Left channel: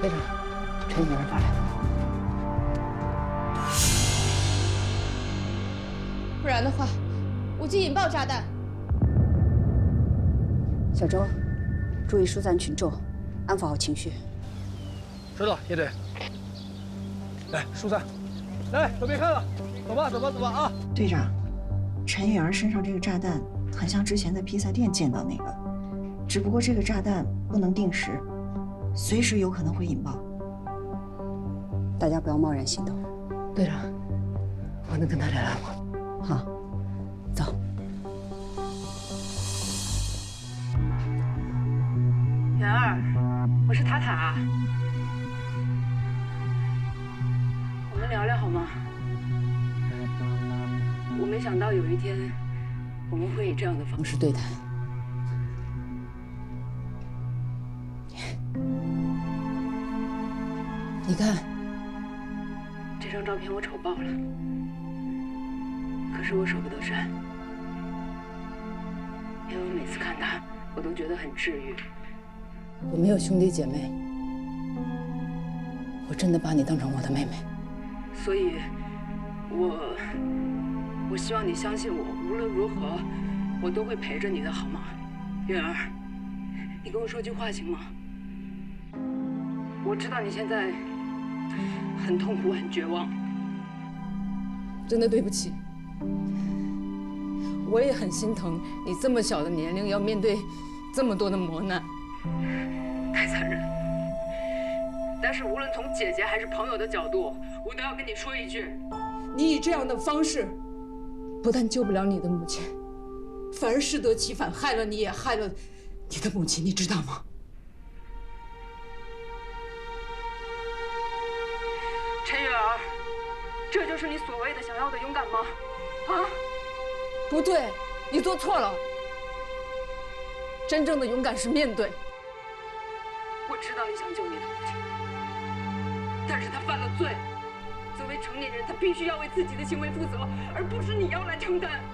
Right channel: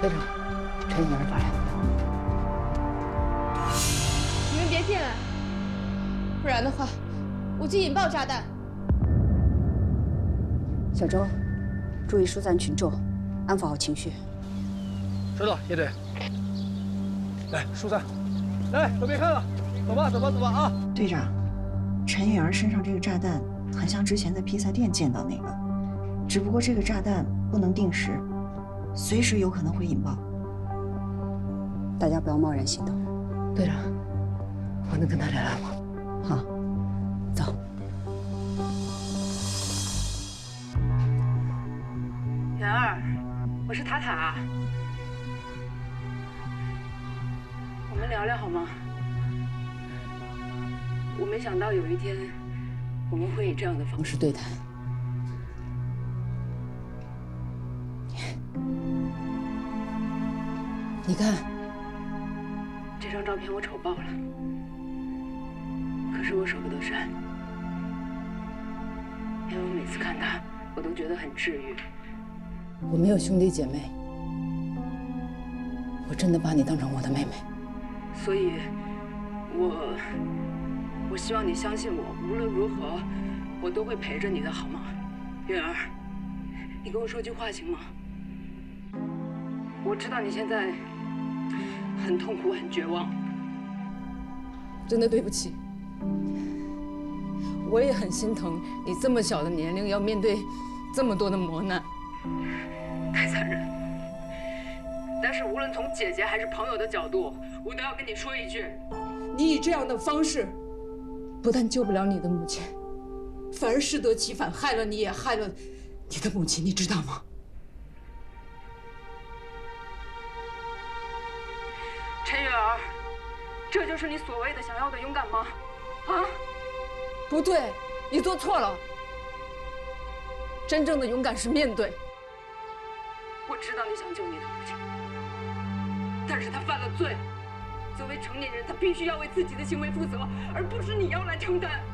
队长，陈女儿发来的。你们别进来，不然的话，我就引爆炸弹。小周，注意疏散群众，安抚好情绪。收到，叶队。来，疏散。来，都别看了，走吧，走吧，走吧啊！队长，陈雨儿身上这个炸弹很像之前在披萨店见到那个，只不过这个炸弹不能定时，随时有可能会引爆。大家不要贸然行动。队长，我能跟他聊聊吗？好，走。元儿，我是塔塔，我们聊聊好吗？我没想到有一天我们会以这样的方式对谈。你看，这张照片我丑爆了，可是我舍不得删，因为我每次看它，我都觉得很治愈。我没有兄弟姐妹，我真的把你当成我的妹妹，所以我希望你相信我，无论如何，我都会陪着你的，好吗？月儿，你跟我说句话行吗？我知道你现在很痛苦，很绝望，真的对不起。我也很心疼你这么小的年龄要面对这么多的磨难，太残忍。但是无论从姐姐还是朋友的角度，我都要跟你说一句：你以这样的方式，不但救不了你的母亲，反而适得其反，害了你，也害了你的母亲，你知道吗？陈雨儿，这就是你所谓的想要的勇敢吗？啊？不对，你做错了。真正的勇敢是面对。我知道你想救你的母亲，但是她犯了罪。作为成年人，她必须要为自己的行为负责，而不是你要来承担。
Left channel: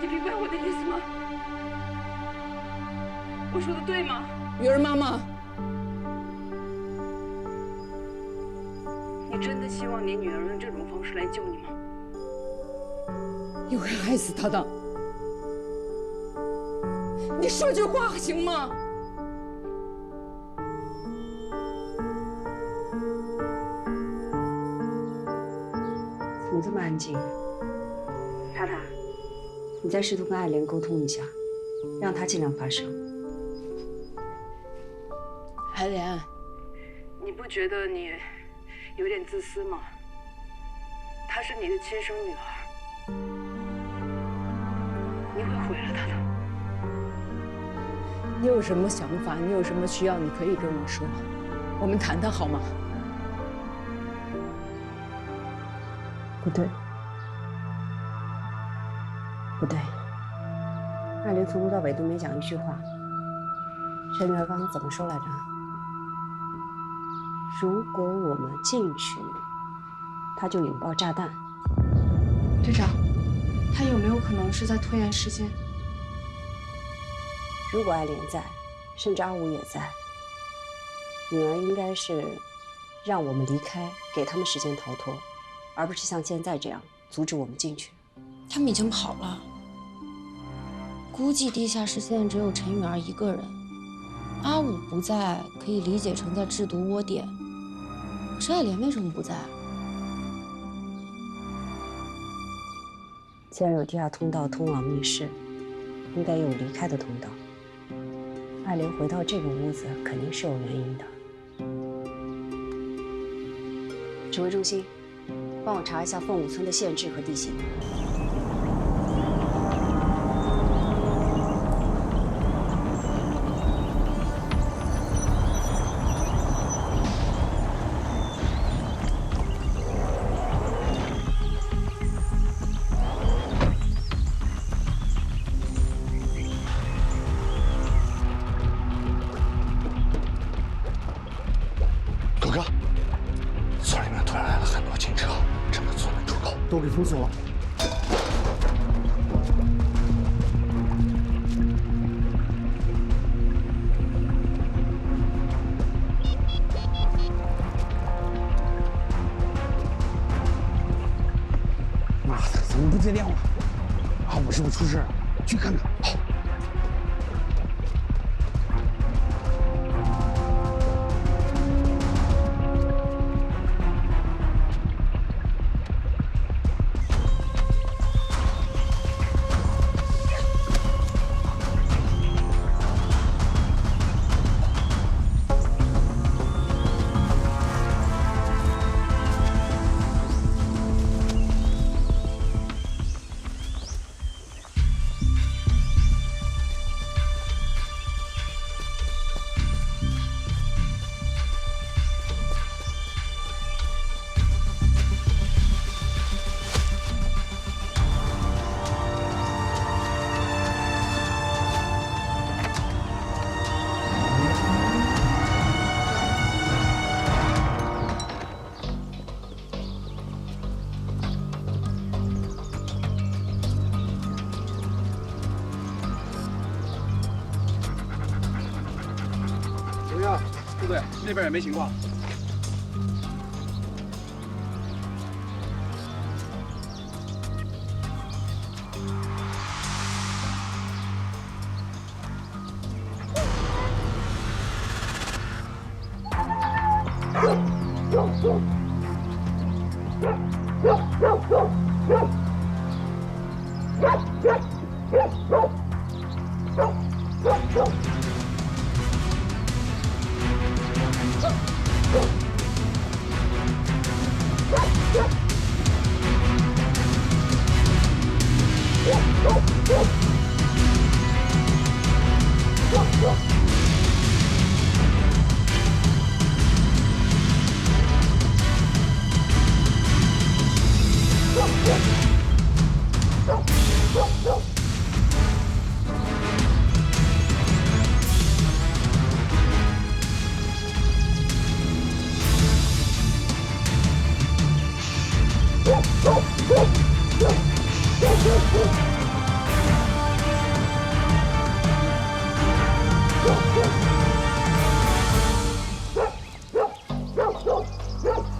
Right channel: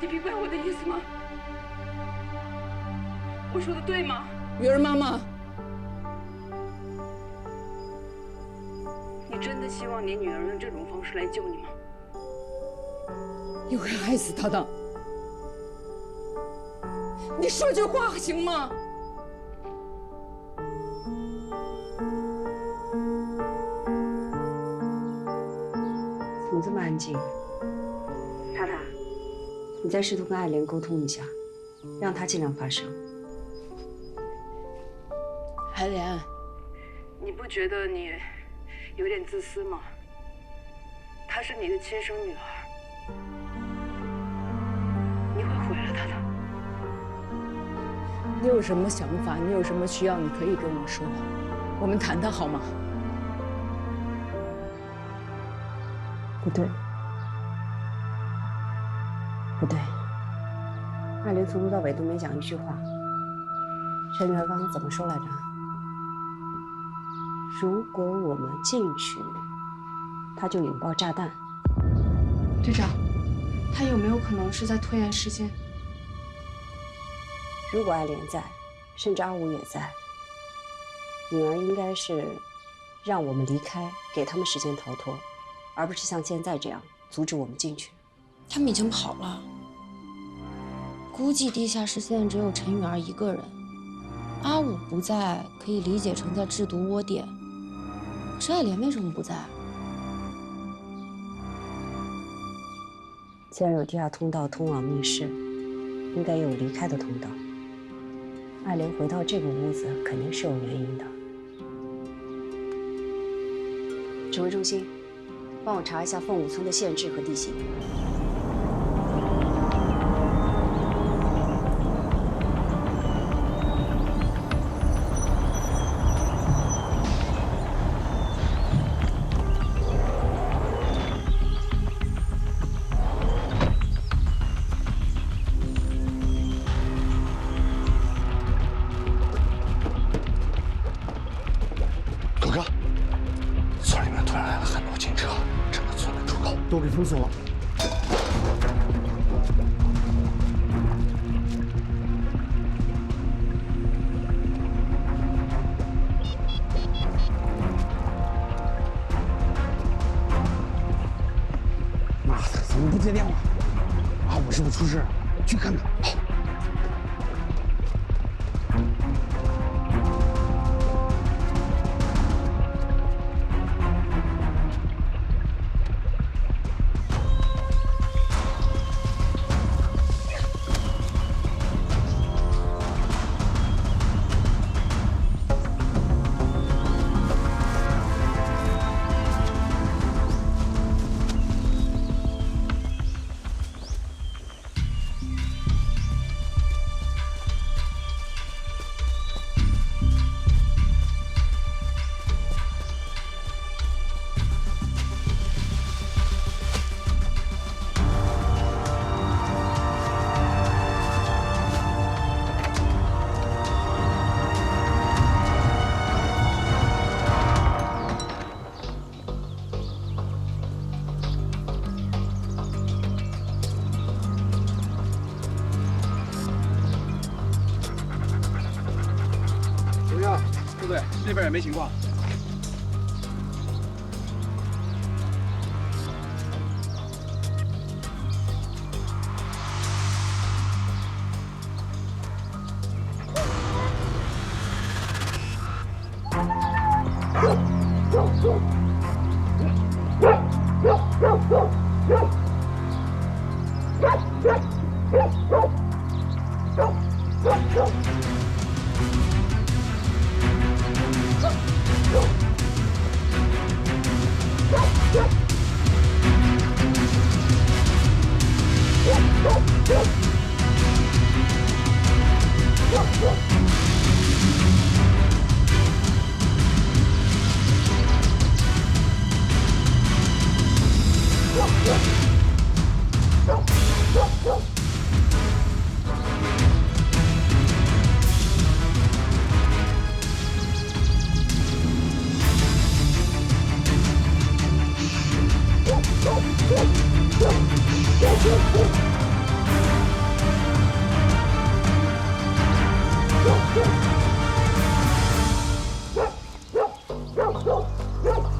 你明白我的意思吗？我说的对吗？雨儿妈妈，你真的希望你女儿用这种方式来救你吗？你会害死她的。你说句话行吗？怎么这么安静？塔塔，你再试图跟爱莲沟通一下，让她尽量发声。爱莲，你不觉得你有点自私吗？她是你的亲生女儿，你会毁了她的。你有什么想法？你有什么需要？你可以跟我说，我们谈谈好吗？不对，不对，爱莲从头到尾都没讲一句话。陈女儿刚刚怎么说来着？如果我们进去，她就引爆炸弹。队长，他有没有可能是在拖延时间？如果爱莲在，甚至阿武也在，女儿应该是让我们离开，给他们时间逃脱，而不是像现在这样阻止我们进去。他们已经跑了，估计地下室现在只有陈雨儿一个人。阿武不在，可以理解成在制毒窝点。可是爱莲为什么不在？既然有地下通道通往密室，应该也有离开的通道。爱莲回到这个屋子，肯定是有原因的。指挥中心，帮我查一下凤舞村的县志和地形。狗哥，村里面突然来了很多警车，整个村的出口都给封锁了。怎么不接电话？阿武是不是出事了？去看看。好。怎么样，部队那边也没情况。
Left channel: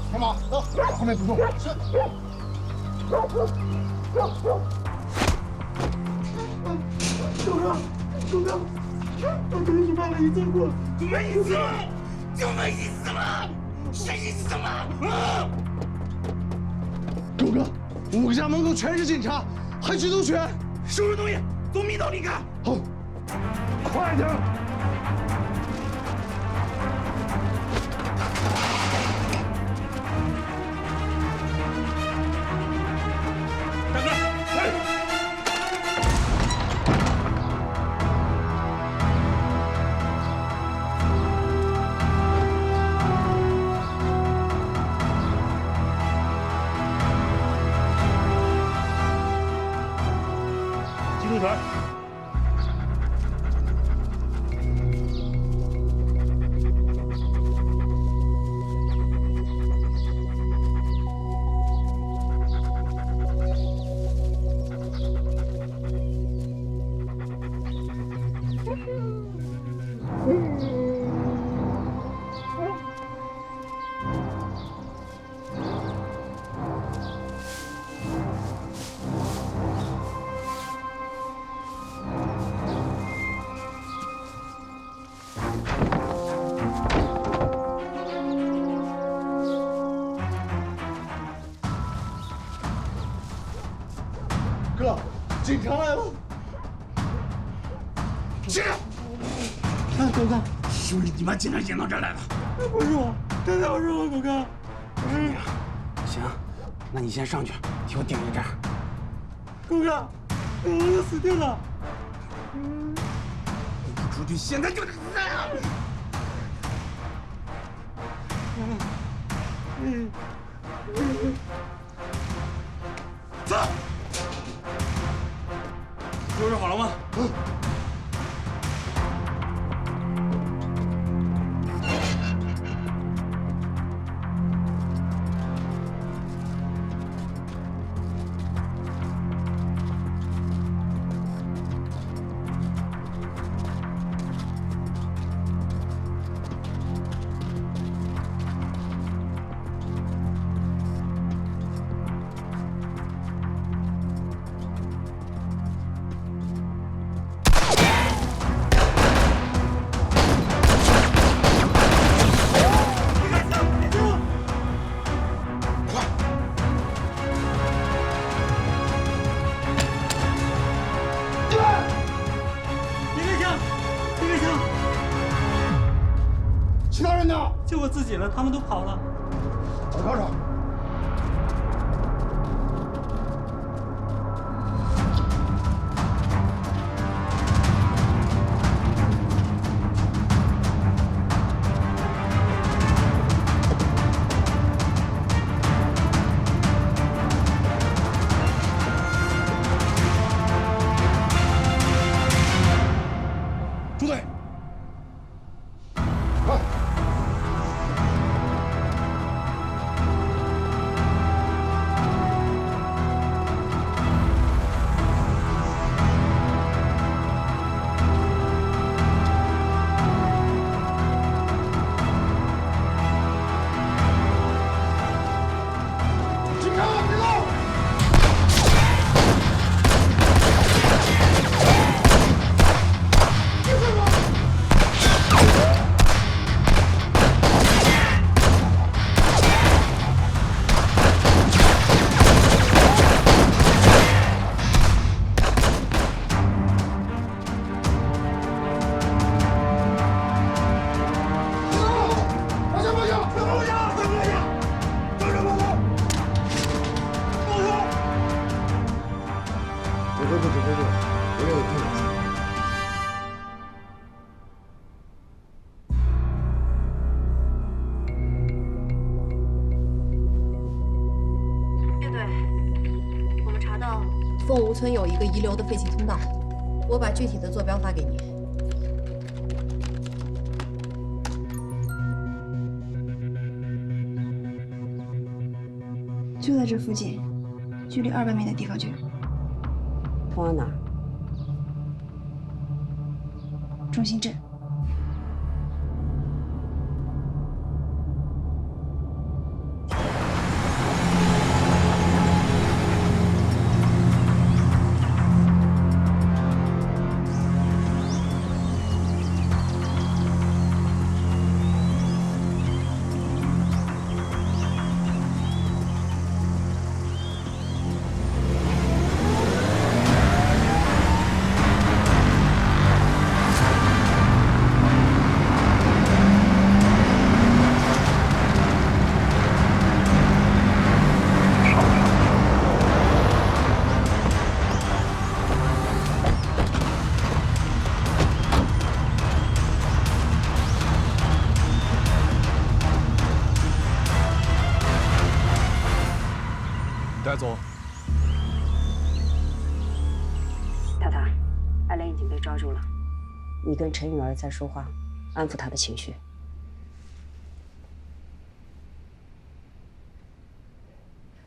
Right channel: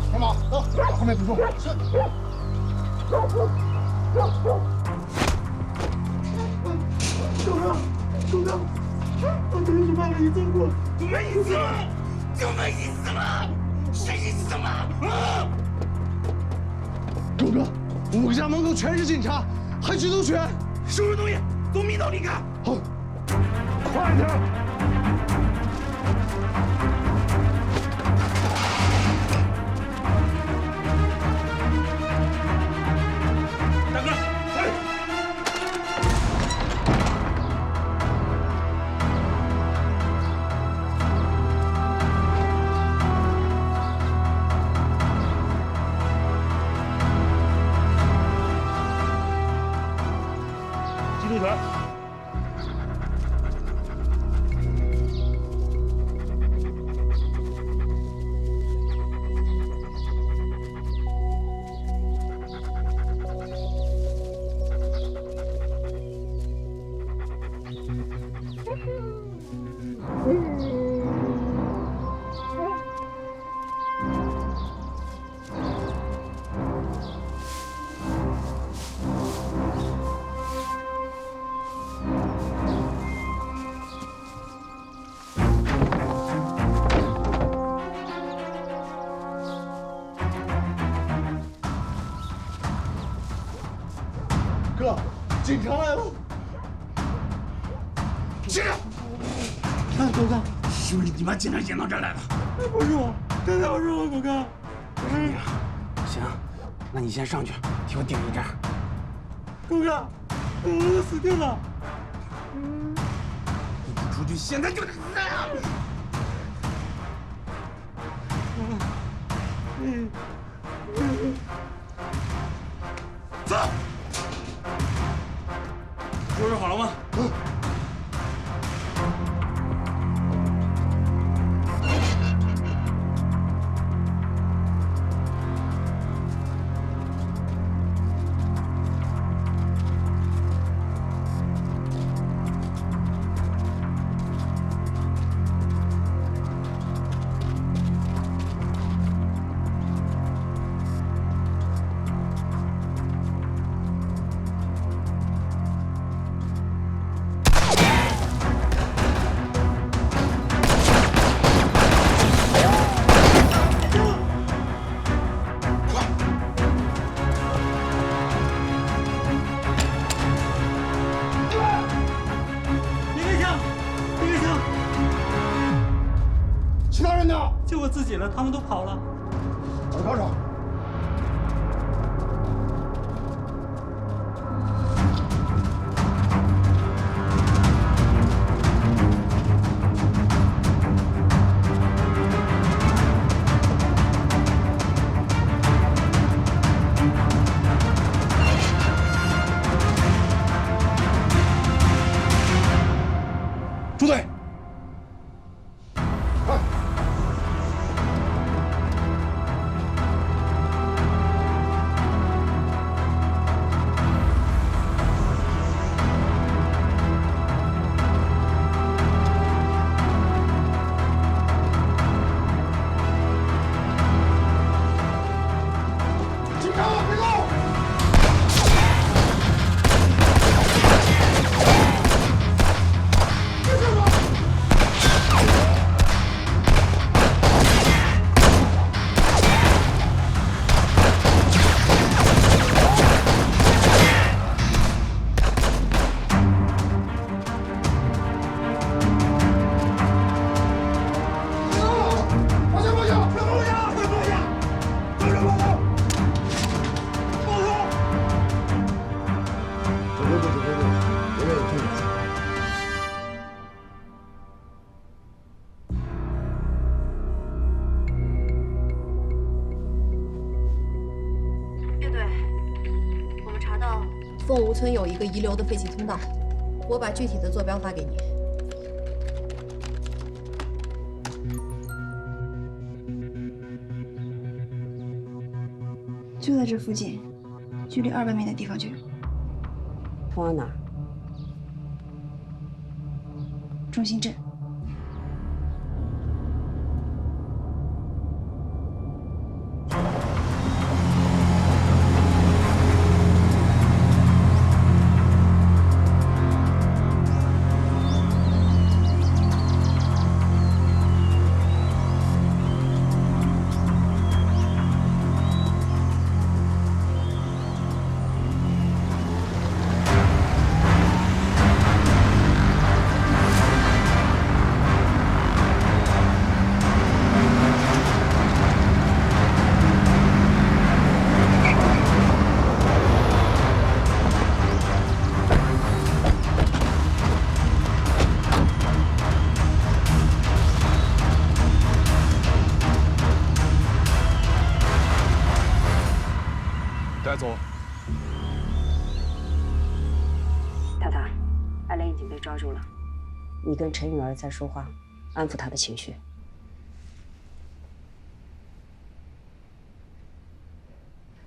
铁马，走，后面补充。是。狗哥，狗哥，我跟你犯了一次过，就没意思了，就没意思了，谁意思了？啊！狗哥，我家门口全是警察，还举头拳，收拾东西，从密道离开。好，快点。大哥，快！机动船。哥，警察来了！去！狗哥，是不是你把警察引到这儿来的？不是我，真的不是我，狗哥，不是你啊。行，那你先上去，替我顶一阵。狗哥，我都死定了！你不出去，现在就得死啊！走。收拾好了吗？其他人呢？就我自己了，他们都跑了。把他铐上。朱队，快！警察，别动！没事吧？放下！放下！放下！放下！放手！放手！放手！指挥部，指挥部，别愿意碰我。乐队，我们查到凤梧村有一个遗留的废弃通道，我把具体的坐标发给你。就在这附近，距离200米的地方就有。通往哪儿？中心镇。带走。塔塔，艾莲已经被抓住了，你跟陈允儿在说话，安抚她的情绪。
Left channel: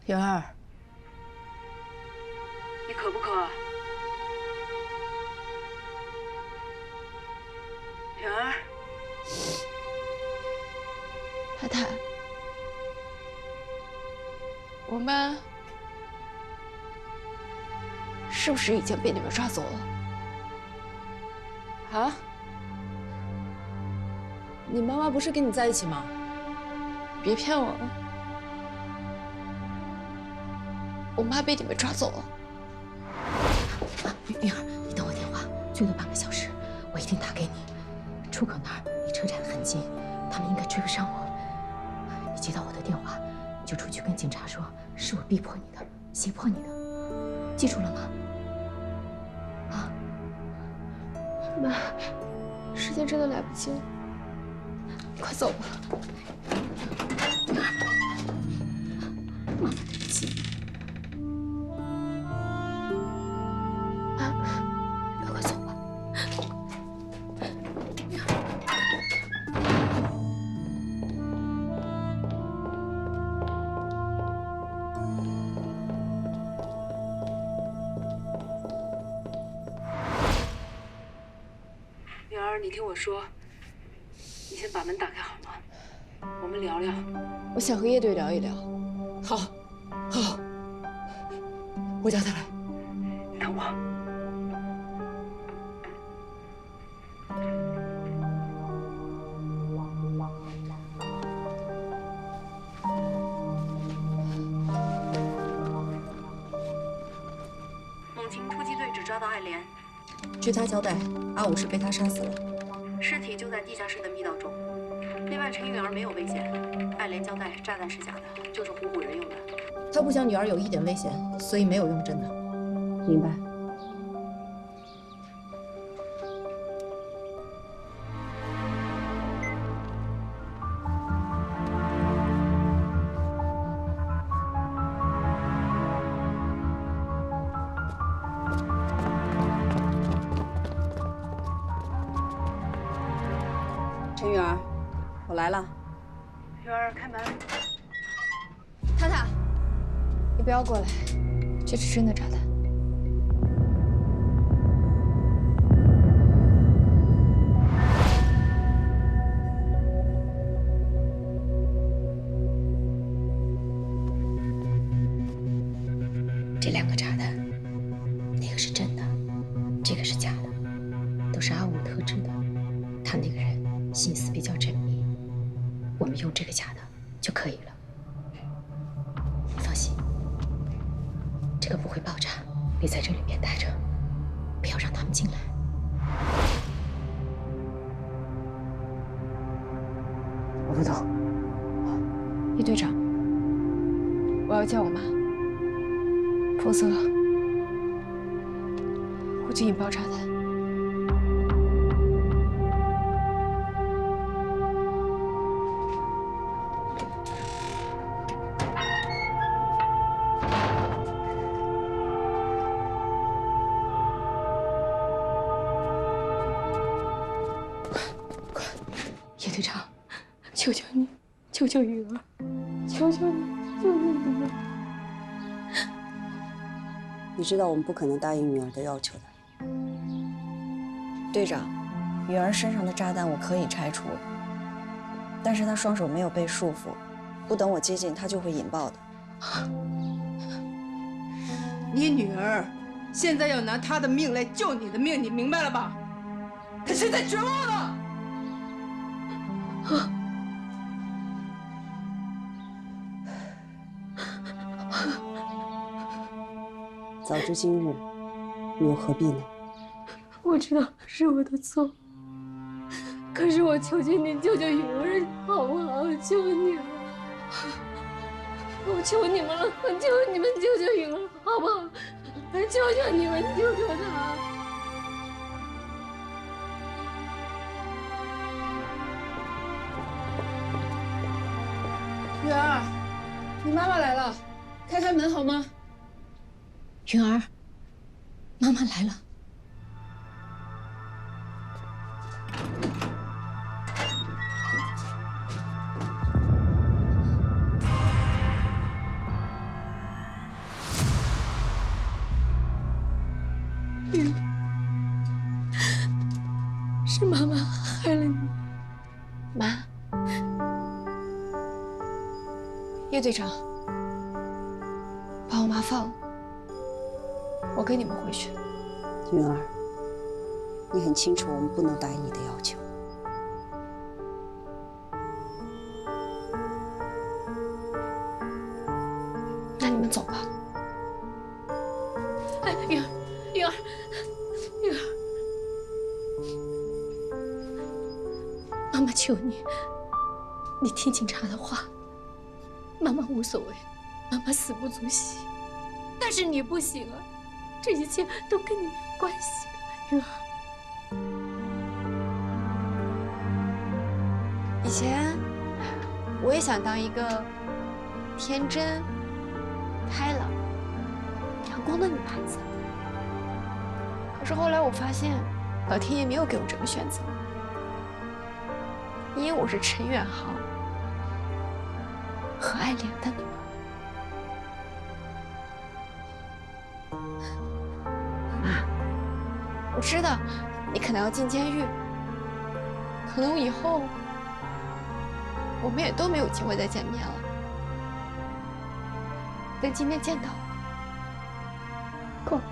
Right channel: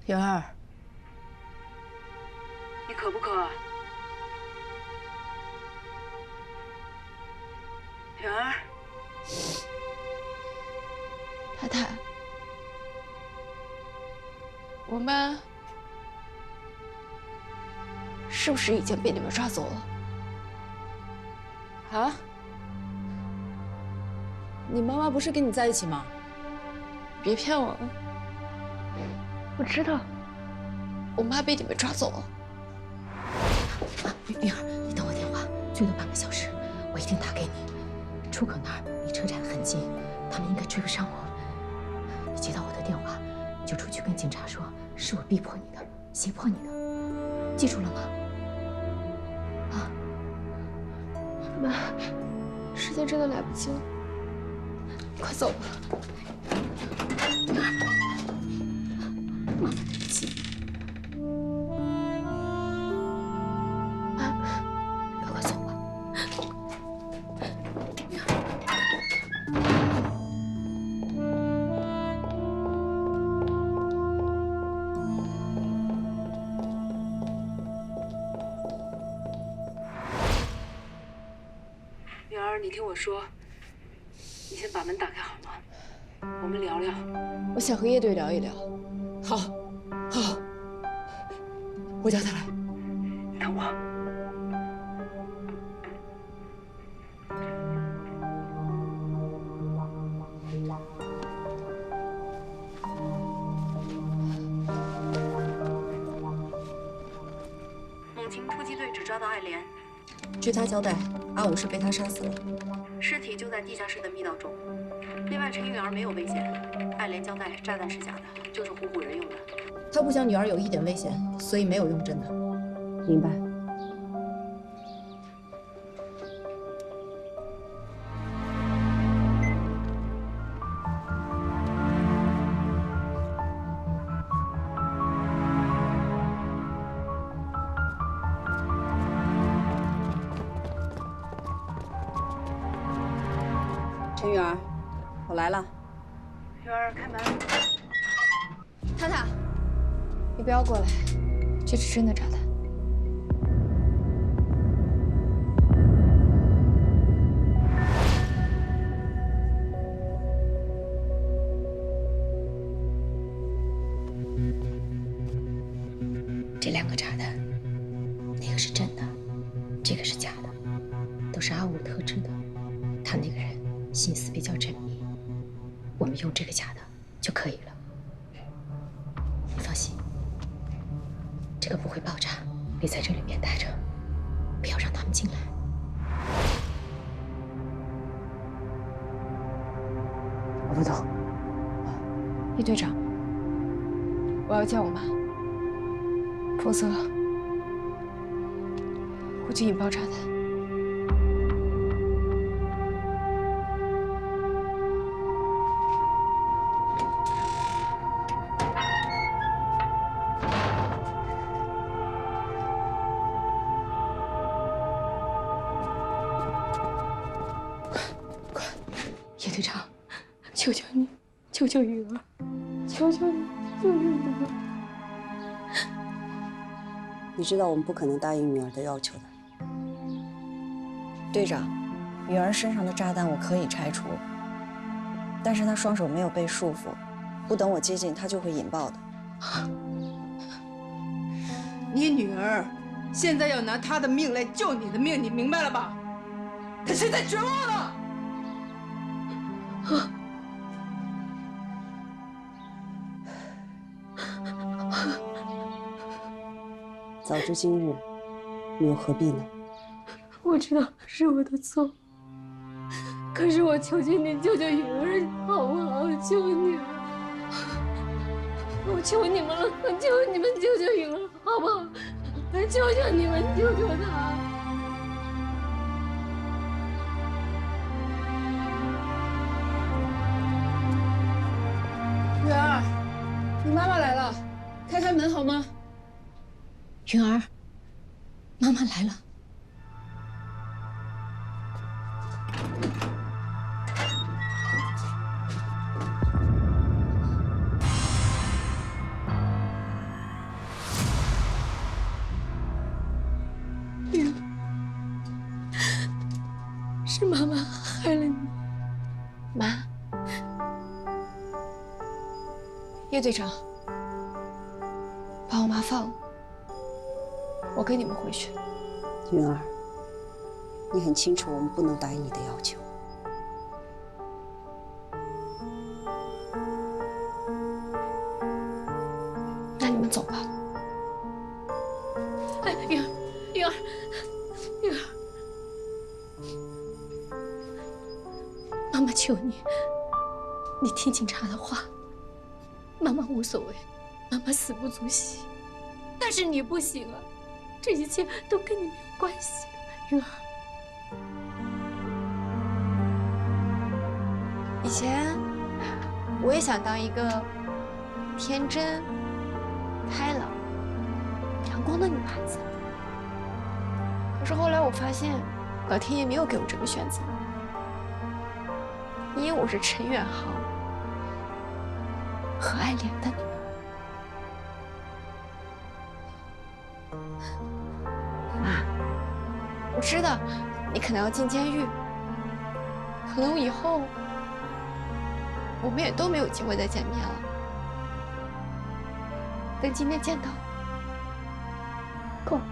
允儿，你渴不渴？允儿，太太，我妈是不是已经被你们抓走了？啊？你妈妈不是跟你在一起吗？别骗我了，我知道，我妈被你们抓走了。啊，允儿，你等我电话，最多半个小时，我一定打给你。出口那儿离车站很近，他们应该追不上我。你接到我的电话，你就出去跟警察说，是我逼迫你的，胁迫你的，记住了吗？啊，妈，时间真的来不及了，你快走吧。妈妈对不起。妈，赶快走吧。允儿，你听我说，你先把门打开好吗？我们聊聊。我想和叶队聊一聊。好，好，我叫他来。等我。猛禽突击队只抓到艾莲，据他交代，阿武是被他杀死了。尸体就在地下室的密道中。另外，陈允儿没有危险，爱莲交代炸弹是假的，就是唬唬人用的。他不想女儿有一点危险，所以没有用真的。明白。陈允儿，我来了。允儿，开门。塔塔，你不要过来，这是真的炸弹。这2个炸弹，那个是真的，这个是假的，都是阿武特制的。他那个人心思比较缜密，我们用这个假的就可以了。你放心，这个不会爆炸，你在这里面待着，不要让他们进来。我不懂。叶队长，我要叫我妈，否则我就引爆炸弹。叶队长，求求你，救救允儿，求求你，救救允儿！你知道我们不可能答应允儿的要求的。队长，允儿身上的炸弹我可以拆除，但是她双手没有被束缚，不等我接近，她就会引爆的。你女儿现在要拿她的命来救你的命，你明白了吧？她现在绝望了。早知今日，你又何必呢？我知道是我的错，可是我求求你救救允儿，好不好？求你了，我求你们了，我求你们救救允儿，好不好？求求你们救救她！允儿，你妈妈来了，开开门好吗？允儿，妈妈来了。允儿，是妈妈害了你。妈，叶队长，把我妈放了，我跟你们回去。允儿，你很清楚我们不能答应你的要求。那你们走吧。哎，允儿，允儿，允儿，妈妈求你，你听警察的话。妈妈无所谓，妈妈死不足惜。但是你不行啊，这一切都跟你没有关系的，允儿。以前我也想当一个天真、开朗、阳光的女孩子，可是后来我发现，老天爷没有给我这个选择，因为我是陈远航和爱莲的女儿。妈，我知道你可能要进监狱，可能以后我们也都没有机会再见面了。但今天见到我，够了。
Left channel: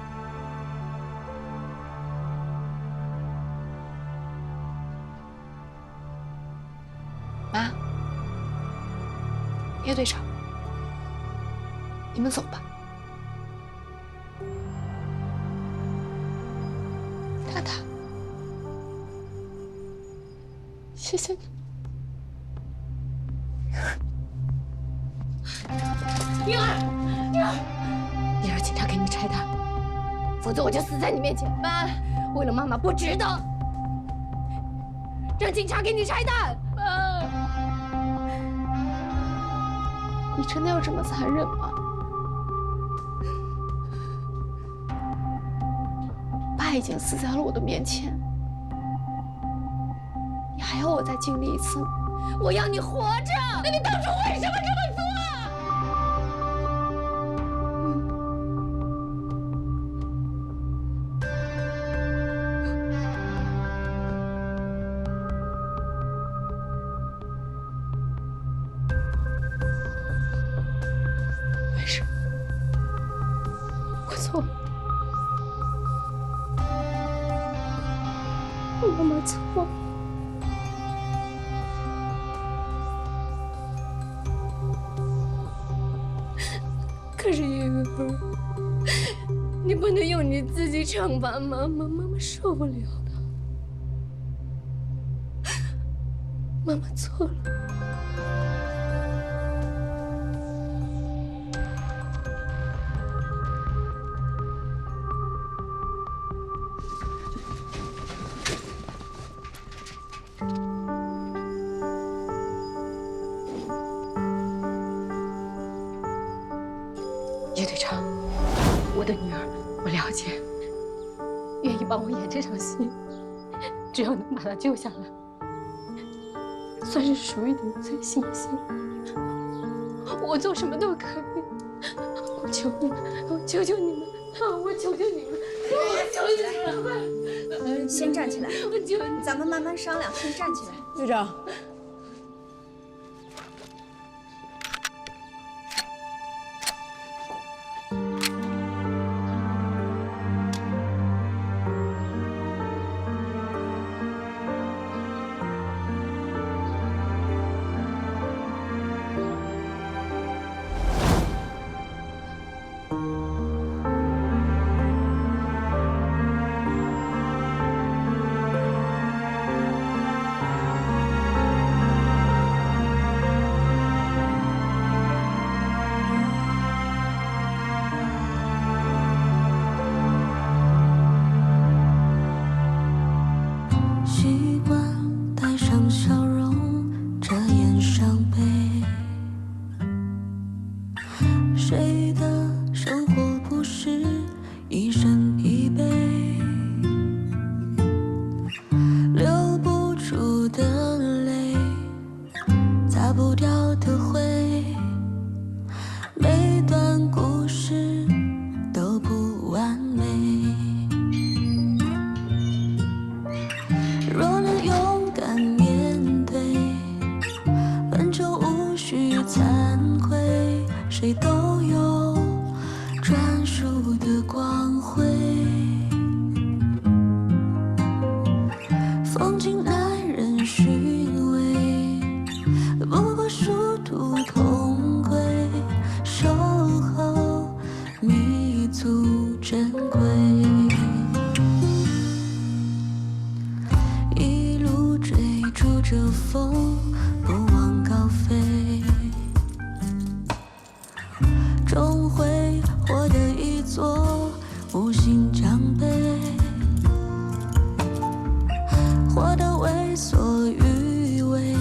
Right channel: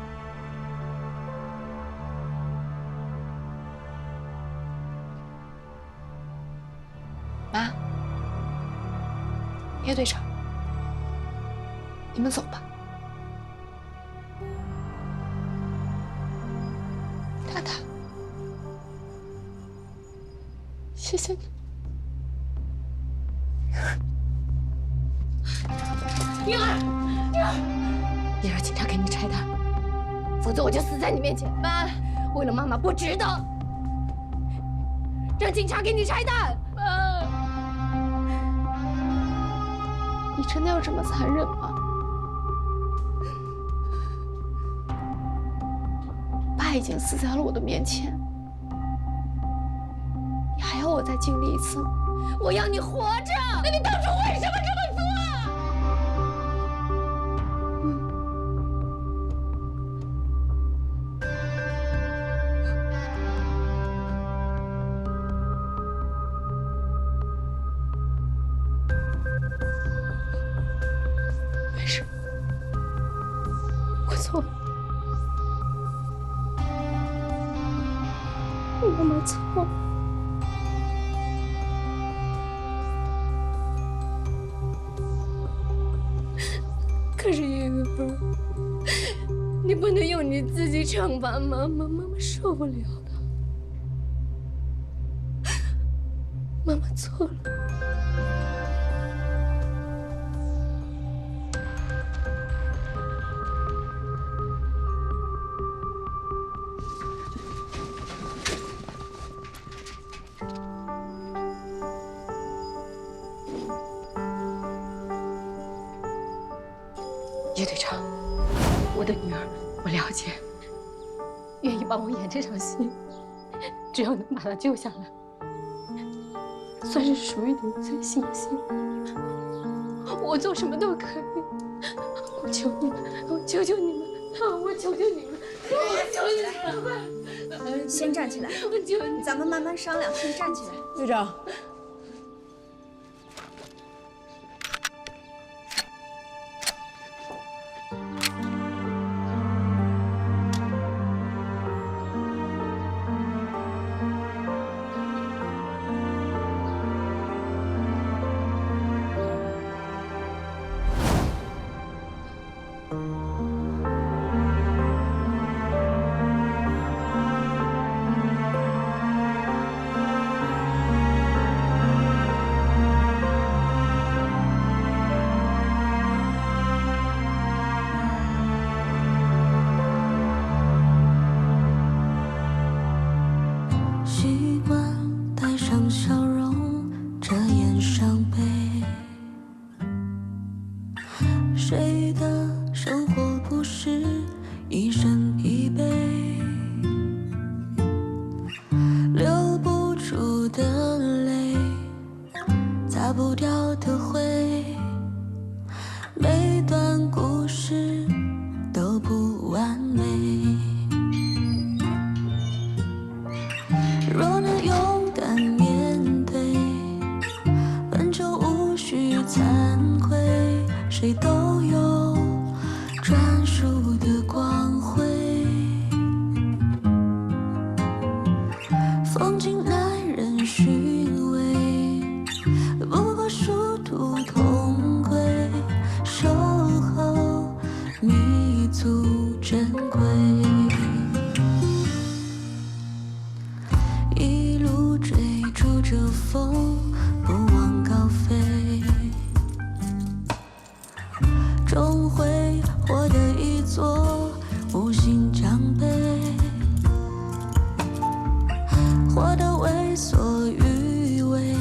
妈，叶队长，你们走吧。塔塔，谢谢你。灵儿，你让警察给你拆弹，否则我就死在你面前。妈，为了妈妈不值得。让警察给你拆弹。妈，你真的要这么残忍吗？爸已经死在了我的面前，你还要我再经历一次吗？我要你活着。那你当初为什么这么做？没事，我错了，妈妈错了。可是叶儿，你不能用你自己惩罚妈妈，妈妈受不了的。妈妈错了。叶队长，我的女儿，我了解，愿意帮我演这场戏，只要能把她救下来，算是属于你们最幸幸。我做什么都可以，我求你们，我求求你们，我求求你们，我求求你们！先站起来，我求你，咱们慢慢商量。先站起来，队长。习惯带上笑容，遮掩伤悲。谁的生活不是一生疲惫？流不出的泪，擦不掉的灰，每段故事都不完美。若能勇敢面对，本就无需惭愧。谁都有专属的光辉，风景耐人寻味，不过殊途同归。守候弥足珍贵。一路追逐着风，不忘高飞，终会获得一座无形奖杯，活得为所欲为，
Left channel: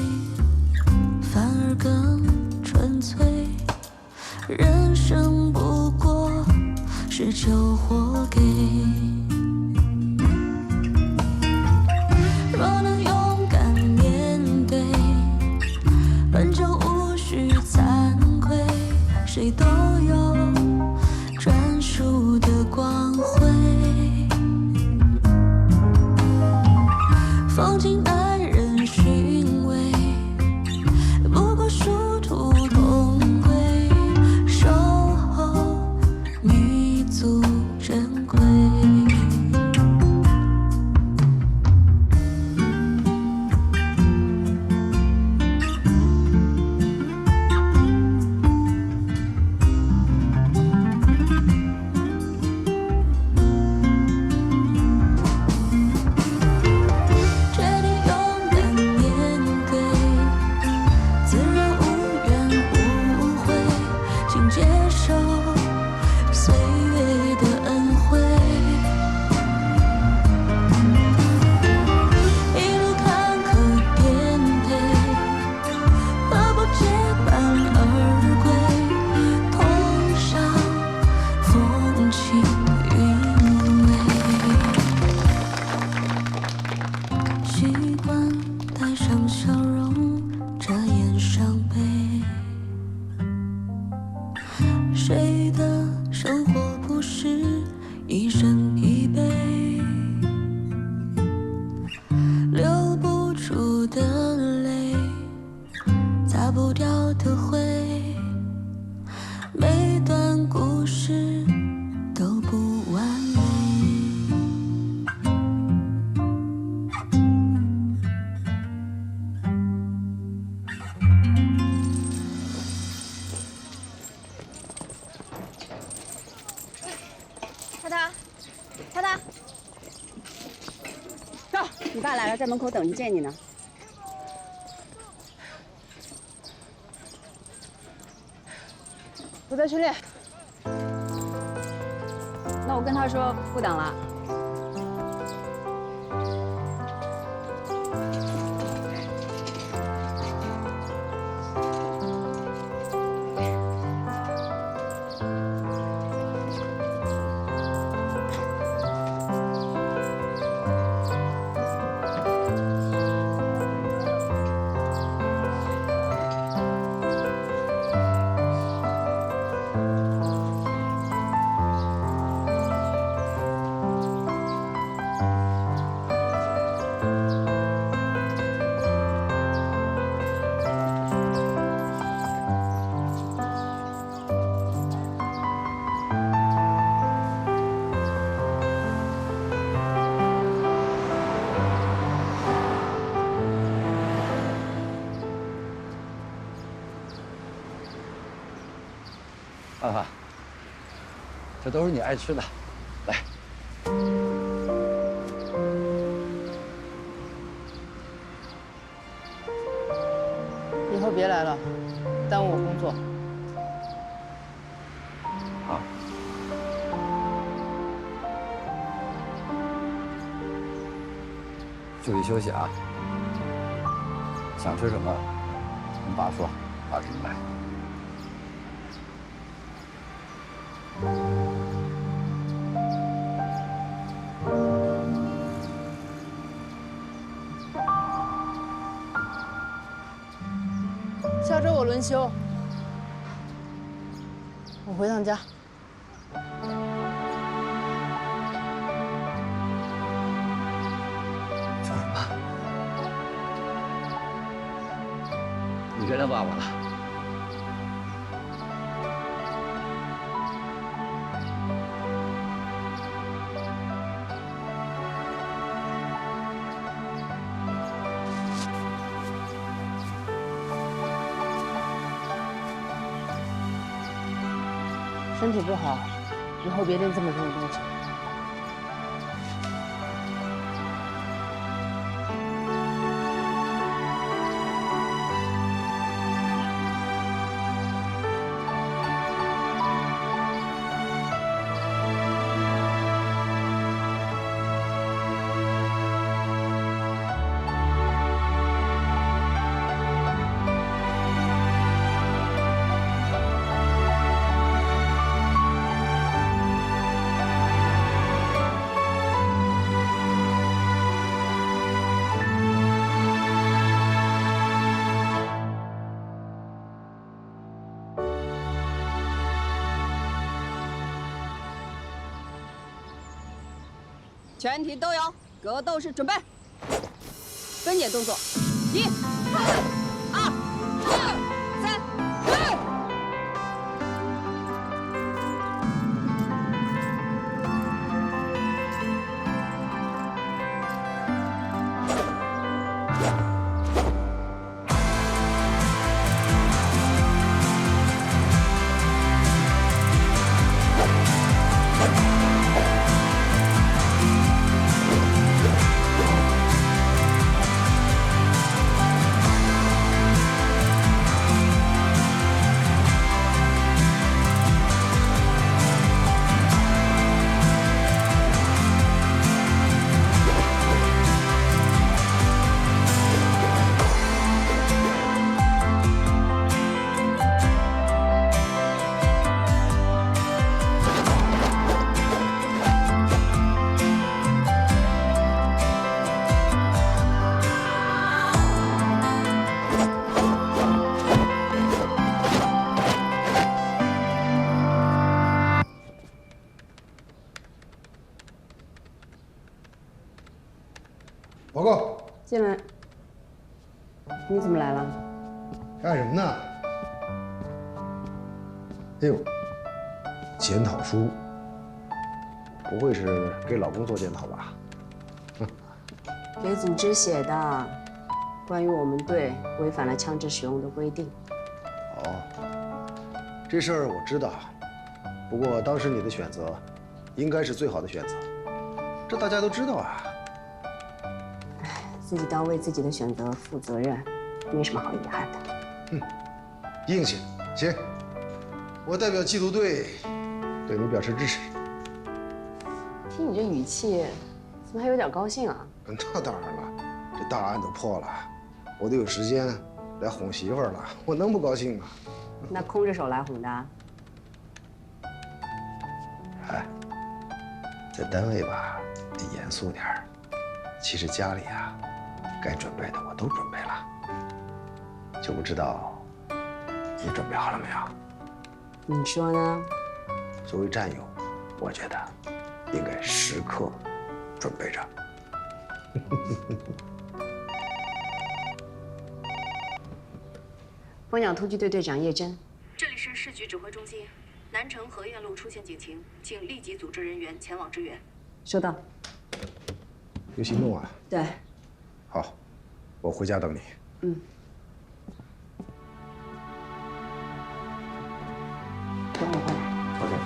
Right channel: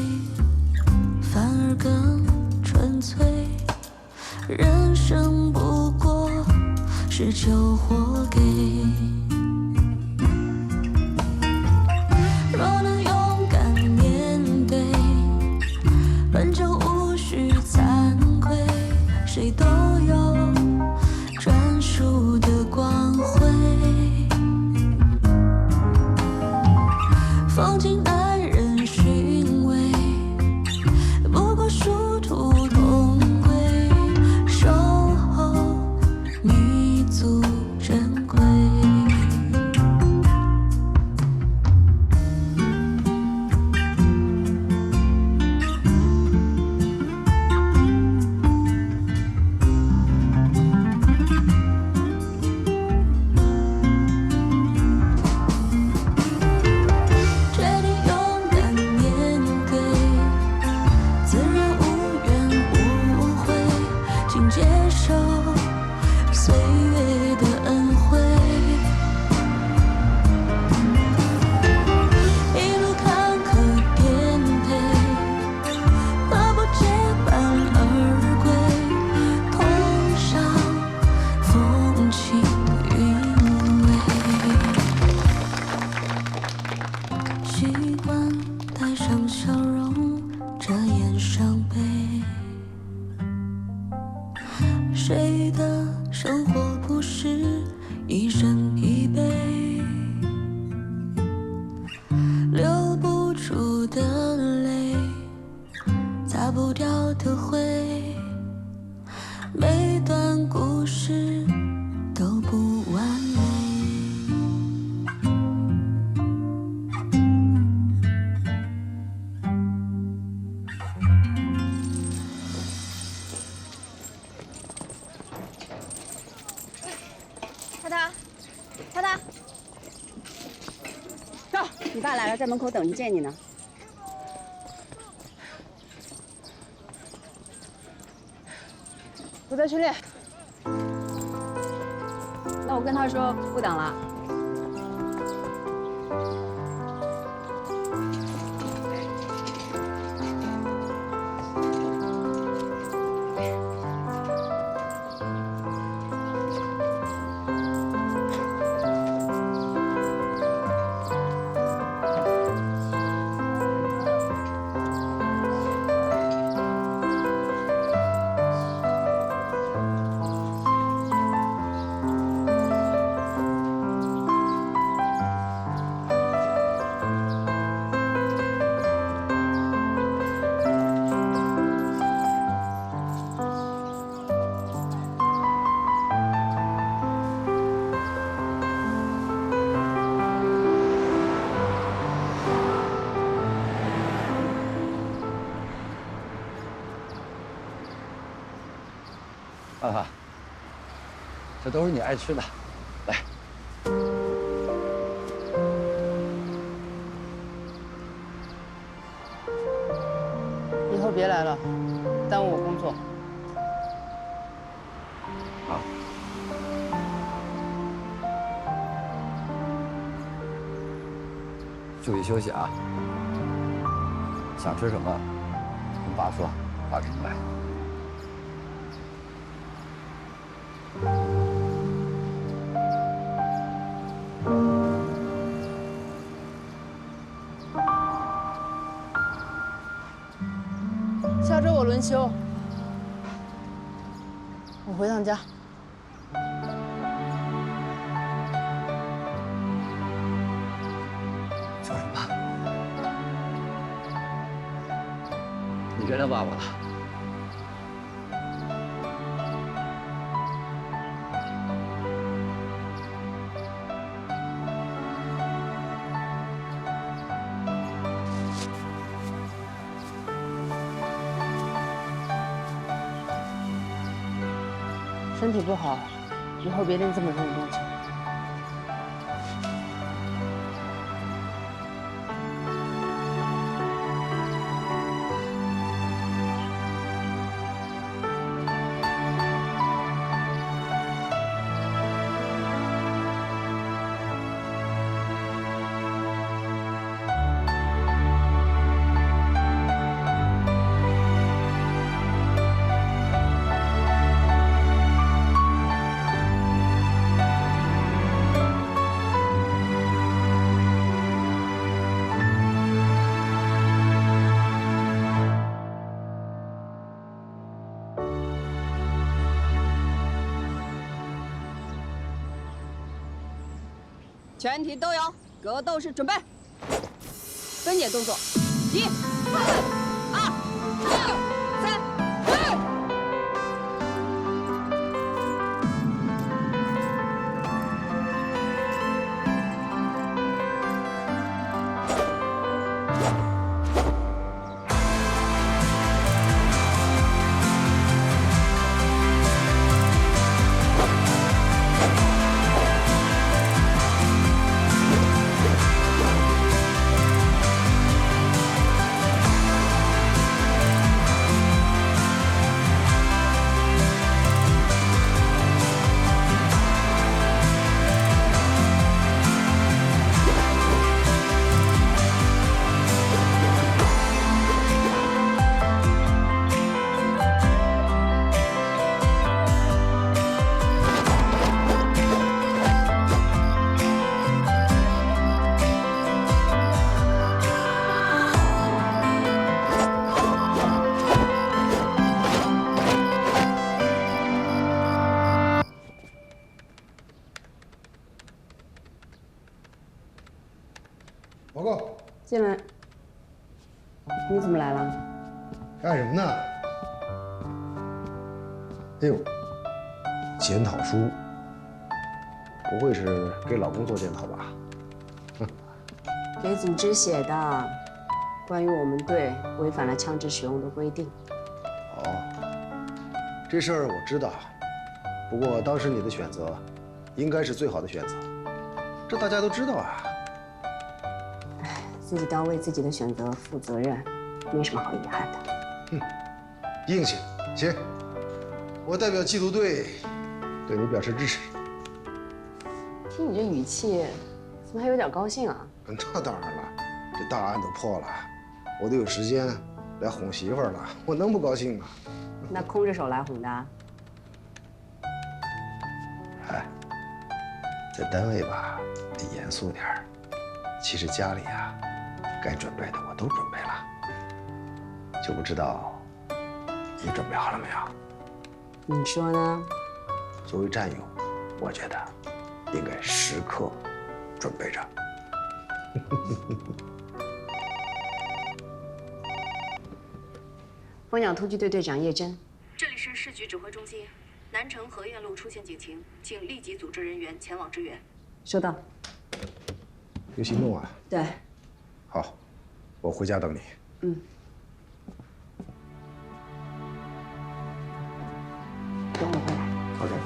反而更纯粹。人生不过是求活给。若能勇敢面对，本就无需惭愧。谁都有专属的光辉，风景耐人寻味，不过殊途同归。守候弥足珍贵。擦不掉的灰，每段故事都不完美。涛涛，走，你爸来了，在门口等着见你呢。我在训练。那我跟他说不等了。范范，这都是你爱吃的，来。以后别来了，耽误我工作。好。注意休息啊！想吃什么，跟爸说，爸给你买。 下周我轮休，我回趟家。说什么？你原谅爸爸了？身体不好，以后别拎这么重的东西。全体都有格斗式准备，分解动作，1、2、3。 报告。进来。你怎么来了？干什么呢？哎呦，检讨书，不会是给老公做检讨吧？给组织写的，关于我们队违反了枪支使用的规定。哦，这事儿我知道，不过当时你的选择，应该是最好的选择，这大家都知道啊。哎，自己都要为自己的选择负责任，没什么好遗憾的。硬气，行，我代表缉毒队对你表示支持。听你这语气，怎么还有点高兴啊？那当然了，这大案都破了，我都有时间来哄媳妇儿了，我能不高兴吗？那空着手来哄的？哎，在单位吧得严肃点儿，其实家里啊，该准备的我都准备了，就不知道你准备好了没有？你说呢？作为战友，我觉得应该时刻准备着。蜂鸟突击队队长叶真，这里是市局指挥中心，南城河苑路出现警情，请立即组织人员前往支援。收到。有行动啊？对。好，我回家等你。嗯。等我回来。OK。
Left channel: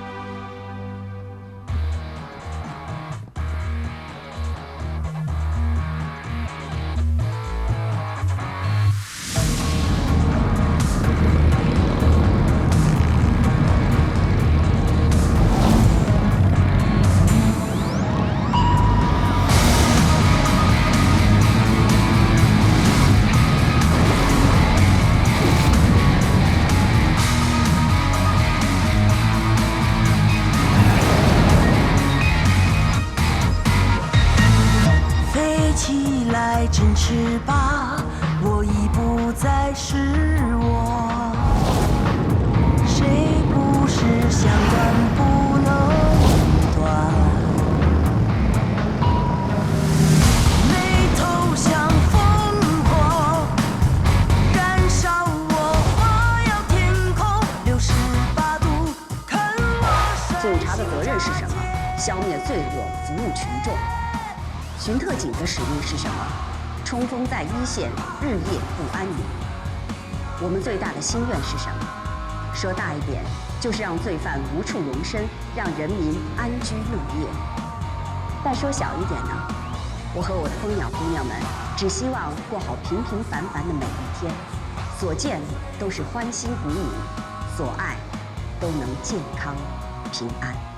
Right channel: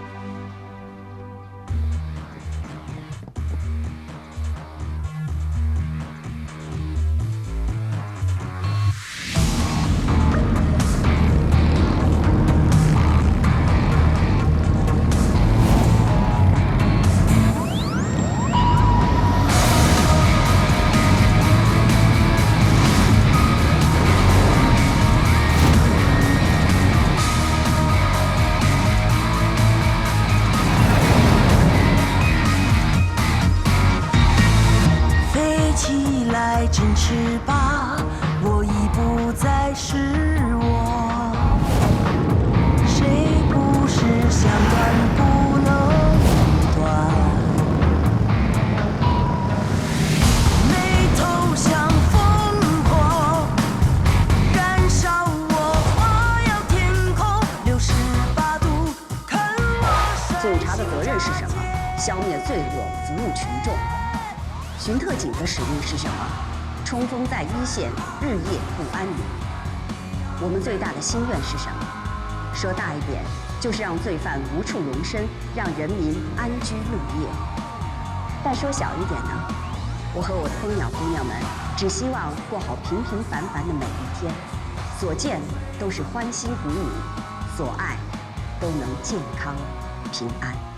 起来，振翅吧，我已不再是我。谁不是想断不能断？眉头像烽火，燃烧我，花耀天空，68度看我。警察的责任是什么？消灭罪恶，服务群众。巡特警的使命是什么？冲锋在一线，日夜不安宁。我们最大的心愿是什么？说大一点，就是让罪犯无处容身，让人民安居乐业。但说小一点呢，我和我的蜂鸟姑娘们，只希望过好平平凡凡的每一天，所见都是欢欣鼓舞，所爱都能健康平安。